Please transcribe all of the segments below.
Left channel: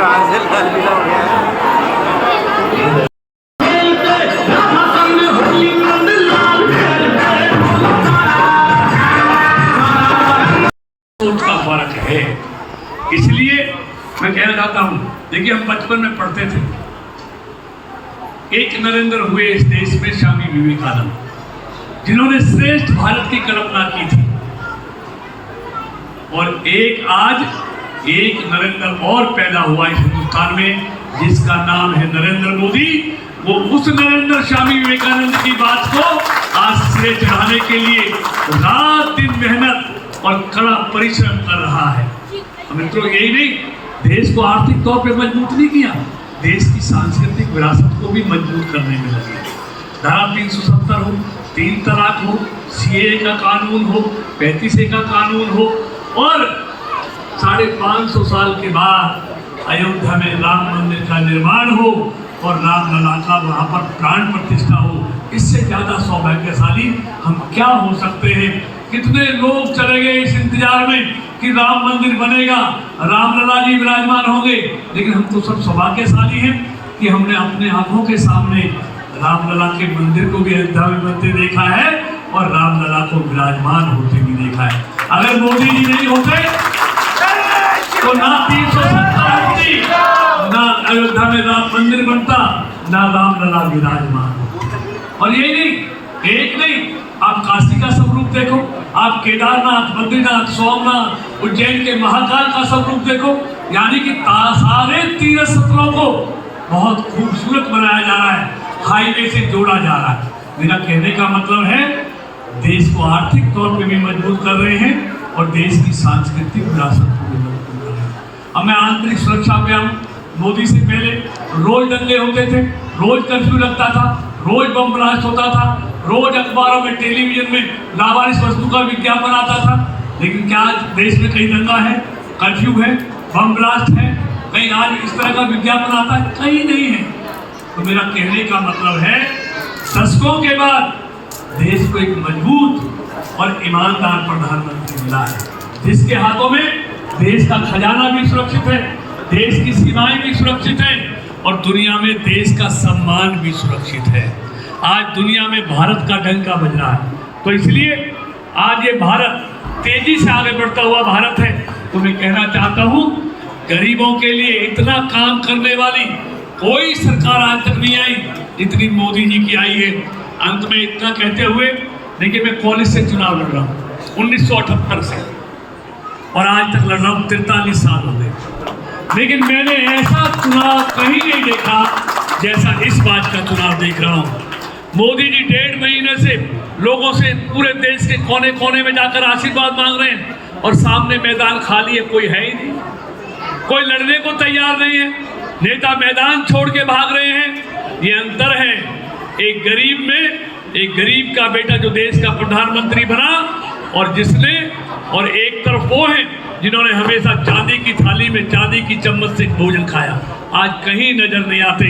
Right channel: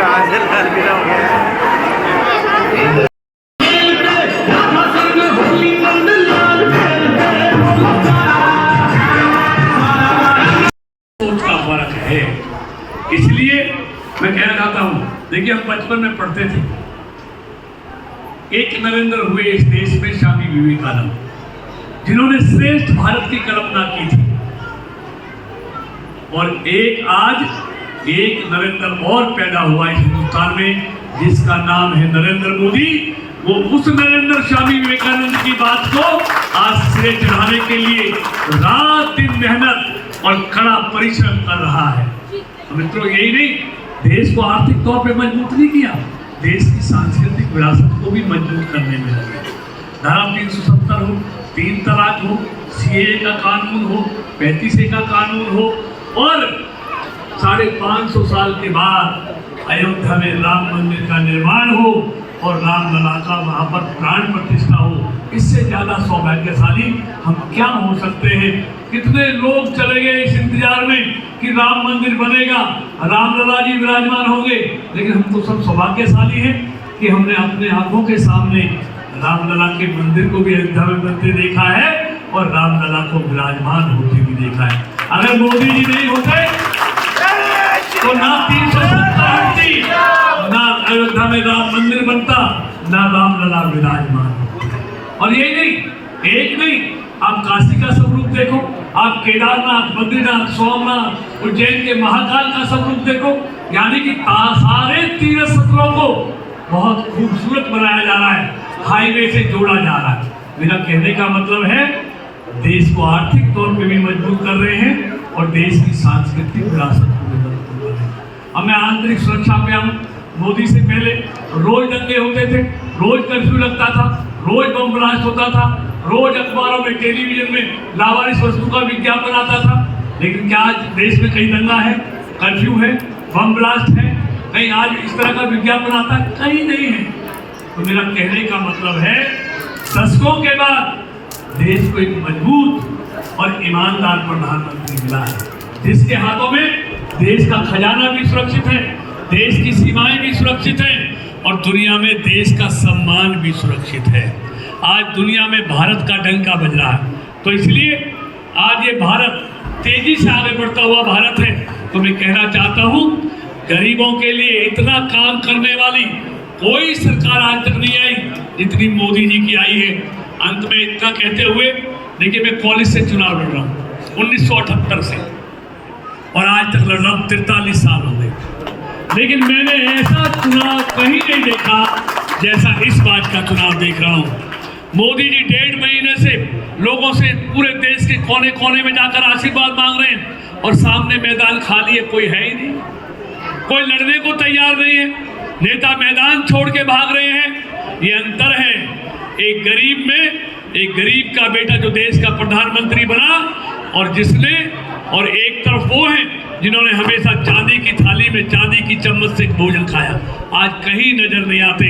का फर्क है। इसलिए मैं कहना चाहता हूं, देखिए हम बचपन में पढ़ते थे, एक नरेंद्र हुए इस देश में स्वामी विवेकानंद, जिन्होंने श्रेष्ठ भारत की कल्पना की थी। और आज एक नरेंद्र और पैदा हुआ इस हिंदुस्तान में, जिसका नाम है नरेंद्र मोदी। वो उस नरेंद्र स्वामी विवेकानंद की बात को आज श्रेय चढ़ाने के लिए रात दिन मेहनत और कड़ा परिश्रम कर रहा है। मित्रों, यही नहीं, देश को आर्थिक तौर पे मजबूत नहीं किया, देश की सांस्कृतिक विरासत को भी मजबूत करने में लगे। धारा 370 हो, 3 तलाक हो, सीएए का कानून हो, 35A का कानून हो, और 550 साल के बाद अयोध्या में राम मंदिर का निर्माण हो और रामलला का वहाँ पर प्राण प्रतिष्ठा हो। इससे ज्यादा सौभाग्यशाली हम क्या हो सकते हैं? कितने लोग चले गए इस इंतजार में कि राम मंदिर बनेगा, रामलला जी विराजमान होंगे, लेकिन हम तो सब सौभाग्यशाली हैं कि हमने अपने आंखों के सामने रामलला के मंदिर को भी अयोध्या में बनते देखा है और रामलला को विराजमान होते भी देखा है। अगर मोदी जी नहीं होते तो ना 370 होती, ना अयोध्या में राम मंदिर बनता, ना रामलला विराजमान। और यही नहीं, एक नहीं, आप काशी का स्वरूप देखो, आप केदारनाथ, बद्रीनाथ, सोमनाथ, उज्जैन के महाकाल का स्वरूप देखो। यानी कि सारे तीर्थ स्थलों को बहुत खूबसूरत बनाया जा रहा है, हाईवे से जोड़ा जा रहा है। मेरा कहने का मतलब है, देश को आर्थिक तौर पे भी मजबूत कर रहे हैं और देश की सांस्कृतिक विरासत को भी मजबूत कर रहे हैं। अब मैं आंतरिक सुरक्षा पे आऊँ, मोदी से पहले रोज दंगे होते थे, रोज कर्फ्यू लगता था, रोज बम ब्लास्ट होता था, रोज अखबारों में, टेलीविजन में लावारिस वस्तु का विज्ञापन आता था। लेकिन क्या आज देश में कहीं दंगा है, कर्फ्यू है, बम ब्लास्ट है? कहीं आज इस तरह का विज्ञापन आता है? कहीं नहीं है। तो मेरा कहने का मतलब है, दशकों के बाद देश को एक मजबूत और ईमानदार प्रधानमंत्री मिला है, जिसके हाथों में देश का खजाना भी सुरक्षित है, देश की सीमाएं भी सुरक्षित हैं और दुनिया में देश का सम्मान भी सुरक्षित है। आज दुनिया में भारत का डंका बज रहा है, तो इसलिए आज ये भारत तेजी से आगे बढ़ता हुआ भारत है। तो मैं कहना चाहता हूँ, गरीबों के लिए इतना काम करने वाली कोई सरकार आज तक नहीं आई जितनी मोदी जी की आई है। अंत में इतना कहते हुए, देखिए मैं कॉलेज से चुनाव लड़ रहा हूँ 1978 से, और आज तक लड़ रहा हूँ, 43 साल हो गए, लेकिन मैंने ऐसा चुनाव कहीं नहीं देखा जैसा इस बात का चुनाव देख रहा हूँ। मोदी जी 1.5 महीने से लोगों से पूरे देश के कोने कोने में जाकर आशीर्वाद मांग रहे हैं और सामने मैदान खाली है, कोई है ही नहीं, कोई लड़ने को तैयार नहीं है, नेता मैदान छोड़ के भाग रहे हैं। ये अंतर है एक गरीब में, एक गरीब का बेटा जो देश का प्रधानमंत्री बना, और जिसने, और एक तरफ वो है जिन्होंने हमेशा चांदी की थाली में चांदी की चम्मच से भोजन खाया, आज कहीं नजर नहीं आते।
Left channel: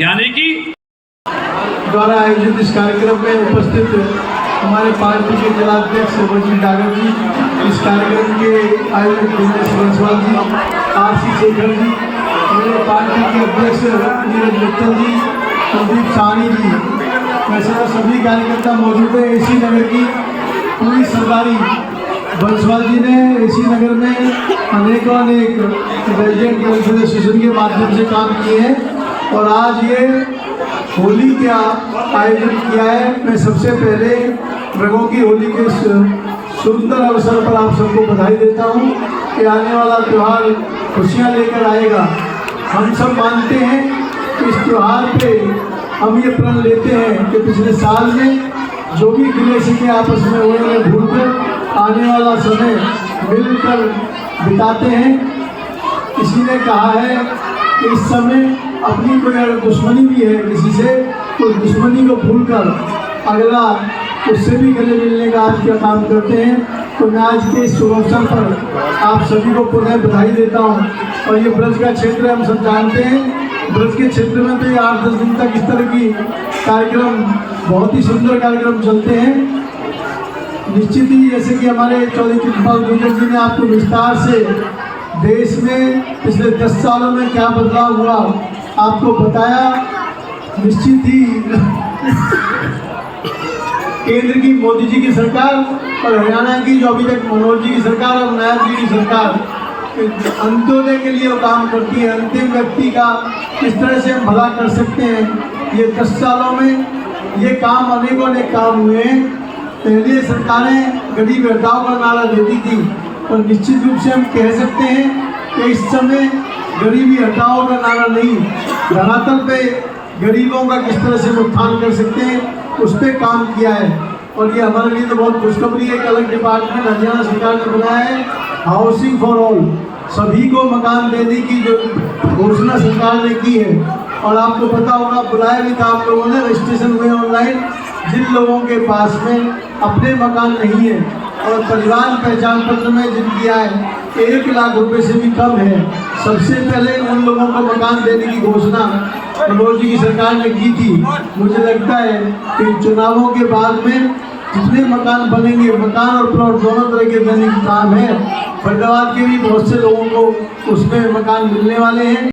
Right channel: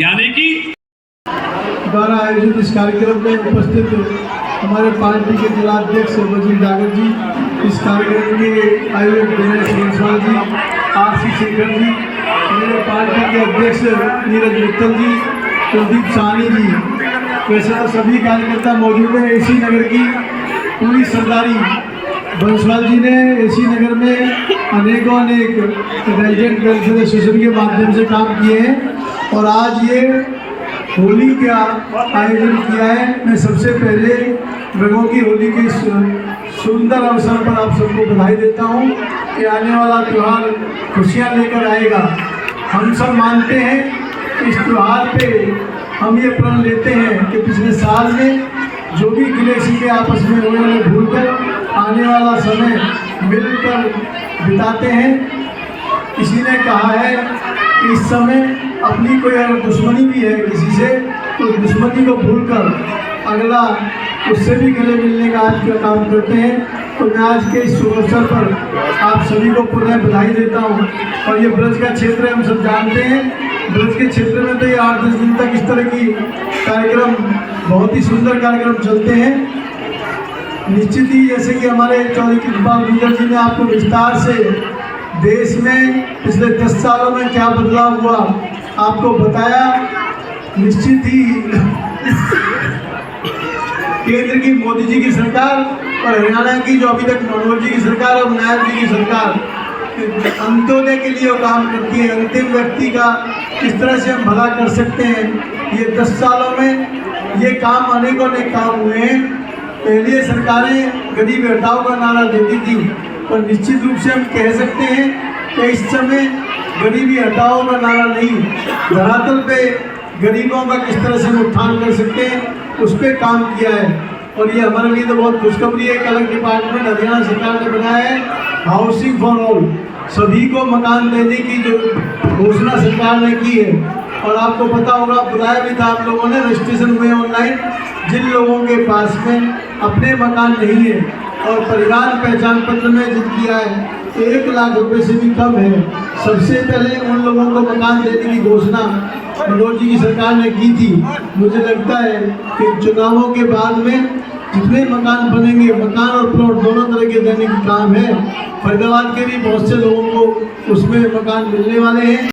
यानी कि द्वारा आयोजित इस कार्यक्रम में उपस्थित हमारे पार्टी के जिलाध्यक्ष वजीर डागर जी, इस कार्यक्रम के आयोजक दिनेश बंसल जी, आरसी शेखर जी, मेरे पार्टी के अध्यक्ष नीरज मित्तल जी, कुलदीप साहनी जी, वैसे तो सभी कार्यकर्ता मौजूद हैं। एसी नगर की पूरी सरदारी बंसल जी ने एसी नगर में अनेकों रेजिडेंट वेलफेयर एसोसिएशन के माध्यम से काम किए हैं और आज ये होली का आयोजन किया है। मैं सबसे पहले रंगों की होली के सुंदर अवसर पर आप सबको बधाई देता हूं कि आने वाला त्यौहार खुशियां लेकर आएगा। हम सब मानते हैं कि इस त्यौहार पे हम ये प्रण लेते हैं कि पिछले साल में जो भी गिले शिकवे आपस में हुए उन्हें भूलकर आने वाला समय मिलकर बिताते हैं। किसी ने कहा है कि इस समय अपनी कोई अगर दुश्मनी भी है किसी से, तो दुश्मनी को भूलकर अगला उससे भी गले मिलने का आज का काम करते हैं। तो मैं आज के इस शुभ अवसर पर आप सभी को पुनः बधाई देता हूं। और ये ब्रज का क्षेत्र हम सब जानते हैं, ब्रज के क्षेत्र में तो ये 8-10 दिन तक इस तरह की कार्यक्रम, बहुत ही सुंदर कार्यक्रम चलते हैं। निश्चित ही जैसे कि हमारे चौधरी कृपाल गुर्जर जी ने आपको विस्तार से देश में पिछले 10 सालों में क्या बदलाव हुआ आपको बताया। निश्चित ही केंद्र की मोदी जी की सरकार और हरियाणा की जो अभी तक मनोहर जी की सरकार और नायब जी की सरकार अंत्योदय के लिए वो काम करती है। अंतिम व्यक्ति का किस तरह से हम भला कर सकते हैं, ये 10 सालों में ये काम अनेकों काम हुए हैं। पहले सरकारें गरीब हटाओ का नारा देती थी, पर निश्चित रूप से हम कह सकते हैं कि इस समय गरीबी हटाओ का नारा नहीं, धरातल पे गरीबों का किस तरह से उत्थान कर सकते हैं उस पर काम किया है। और ये हमारे लिए तो बहुत खुशखबरी है। एक अलग डिपार्टमेंट हरियाणा सरकार ने बनाया है, हाउसिंग फॉर ऑल, सभी को मकान देने की जो घोषणा सरकार ने की है। और आपको पता होगा, बुलाया भी था आप लोगों ने, रजिस्ट्रेशन हुए ऑनलाइन। जिन लोगों के पास में अपने मकान नहीं है और परिवार पहचान पत्र में जिनकी आय 1 लाख रुपए से भी कम है, सबसे पहले उन लोगों को मकान देने की घोषणा मनोहर जी की सरकार ने की थी। मुझे लगता है कि चुनावों के बाद में जितने मकान बनेंगे, मकान और प्लॉट दोनों तरह के देने का काम है। फरीदाबाद के भी बहुत से लोगों को उसमें मकान मिलने वाले हैं।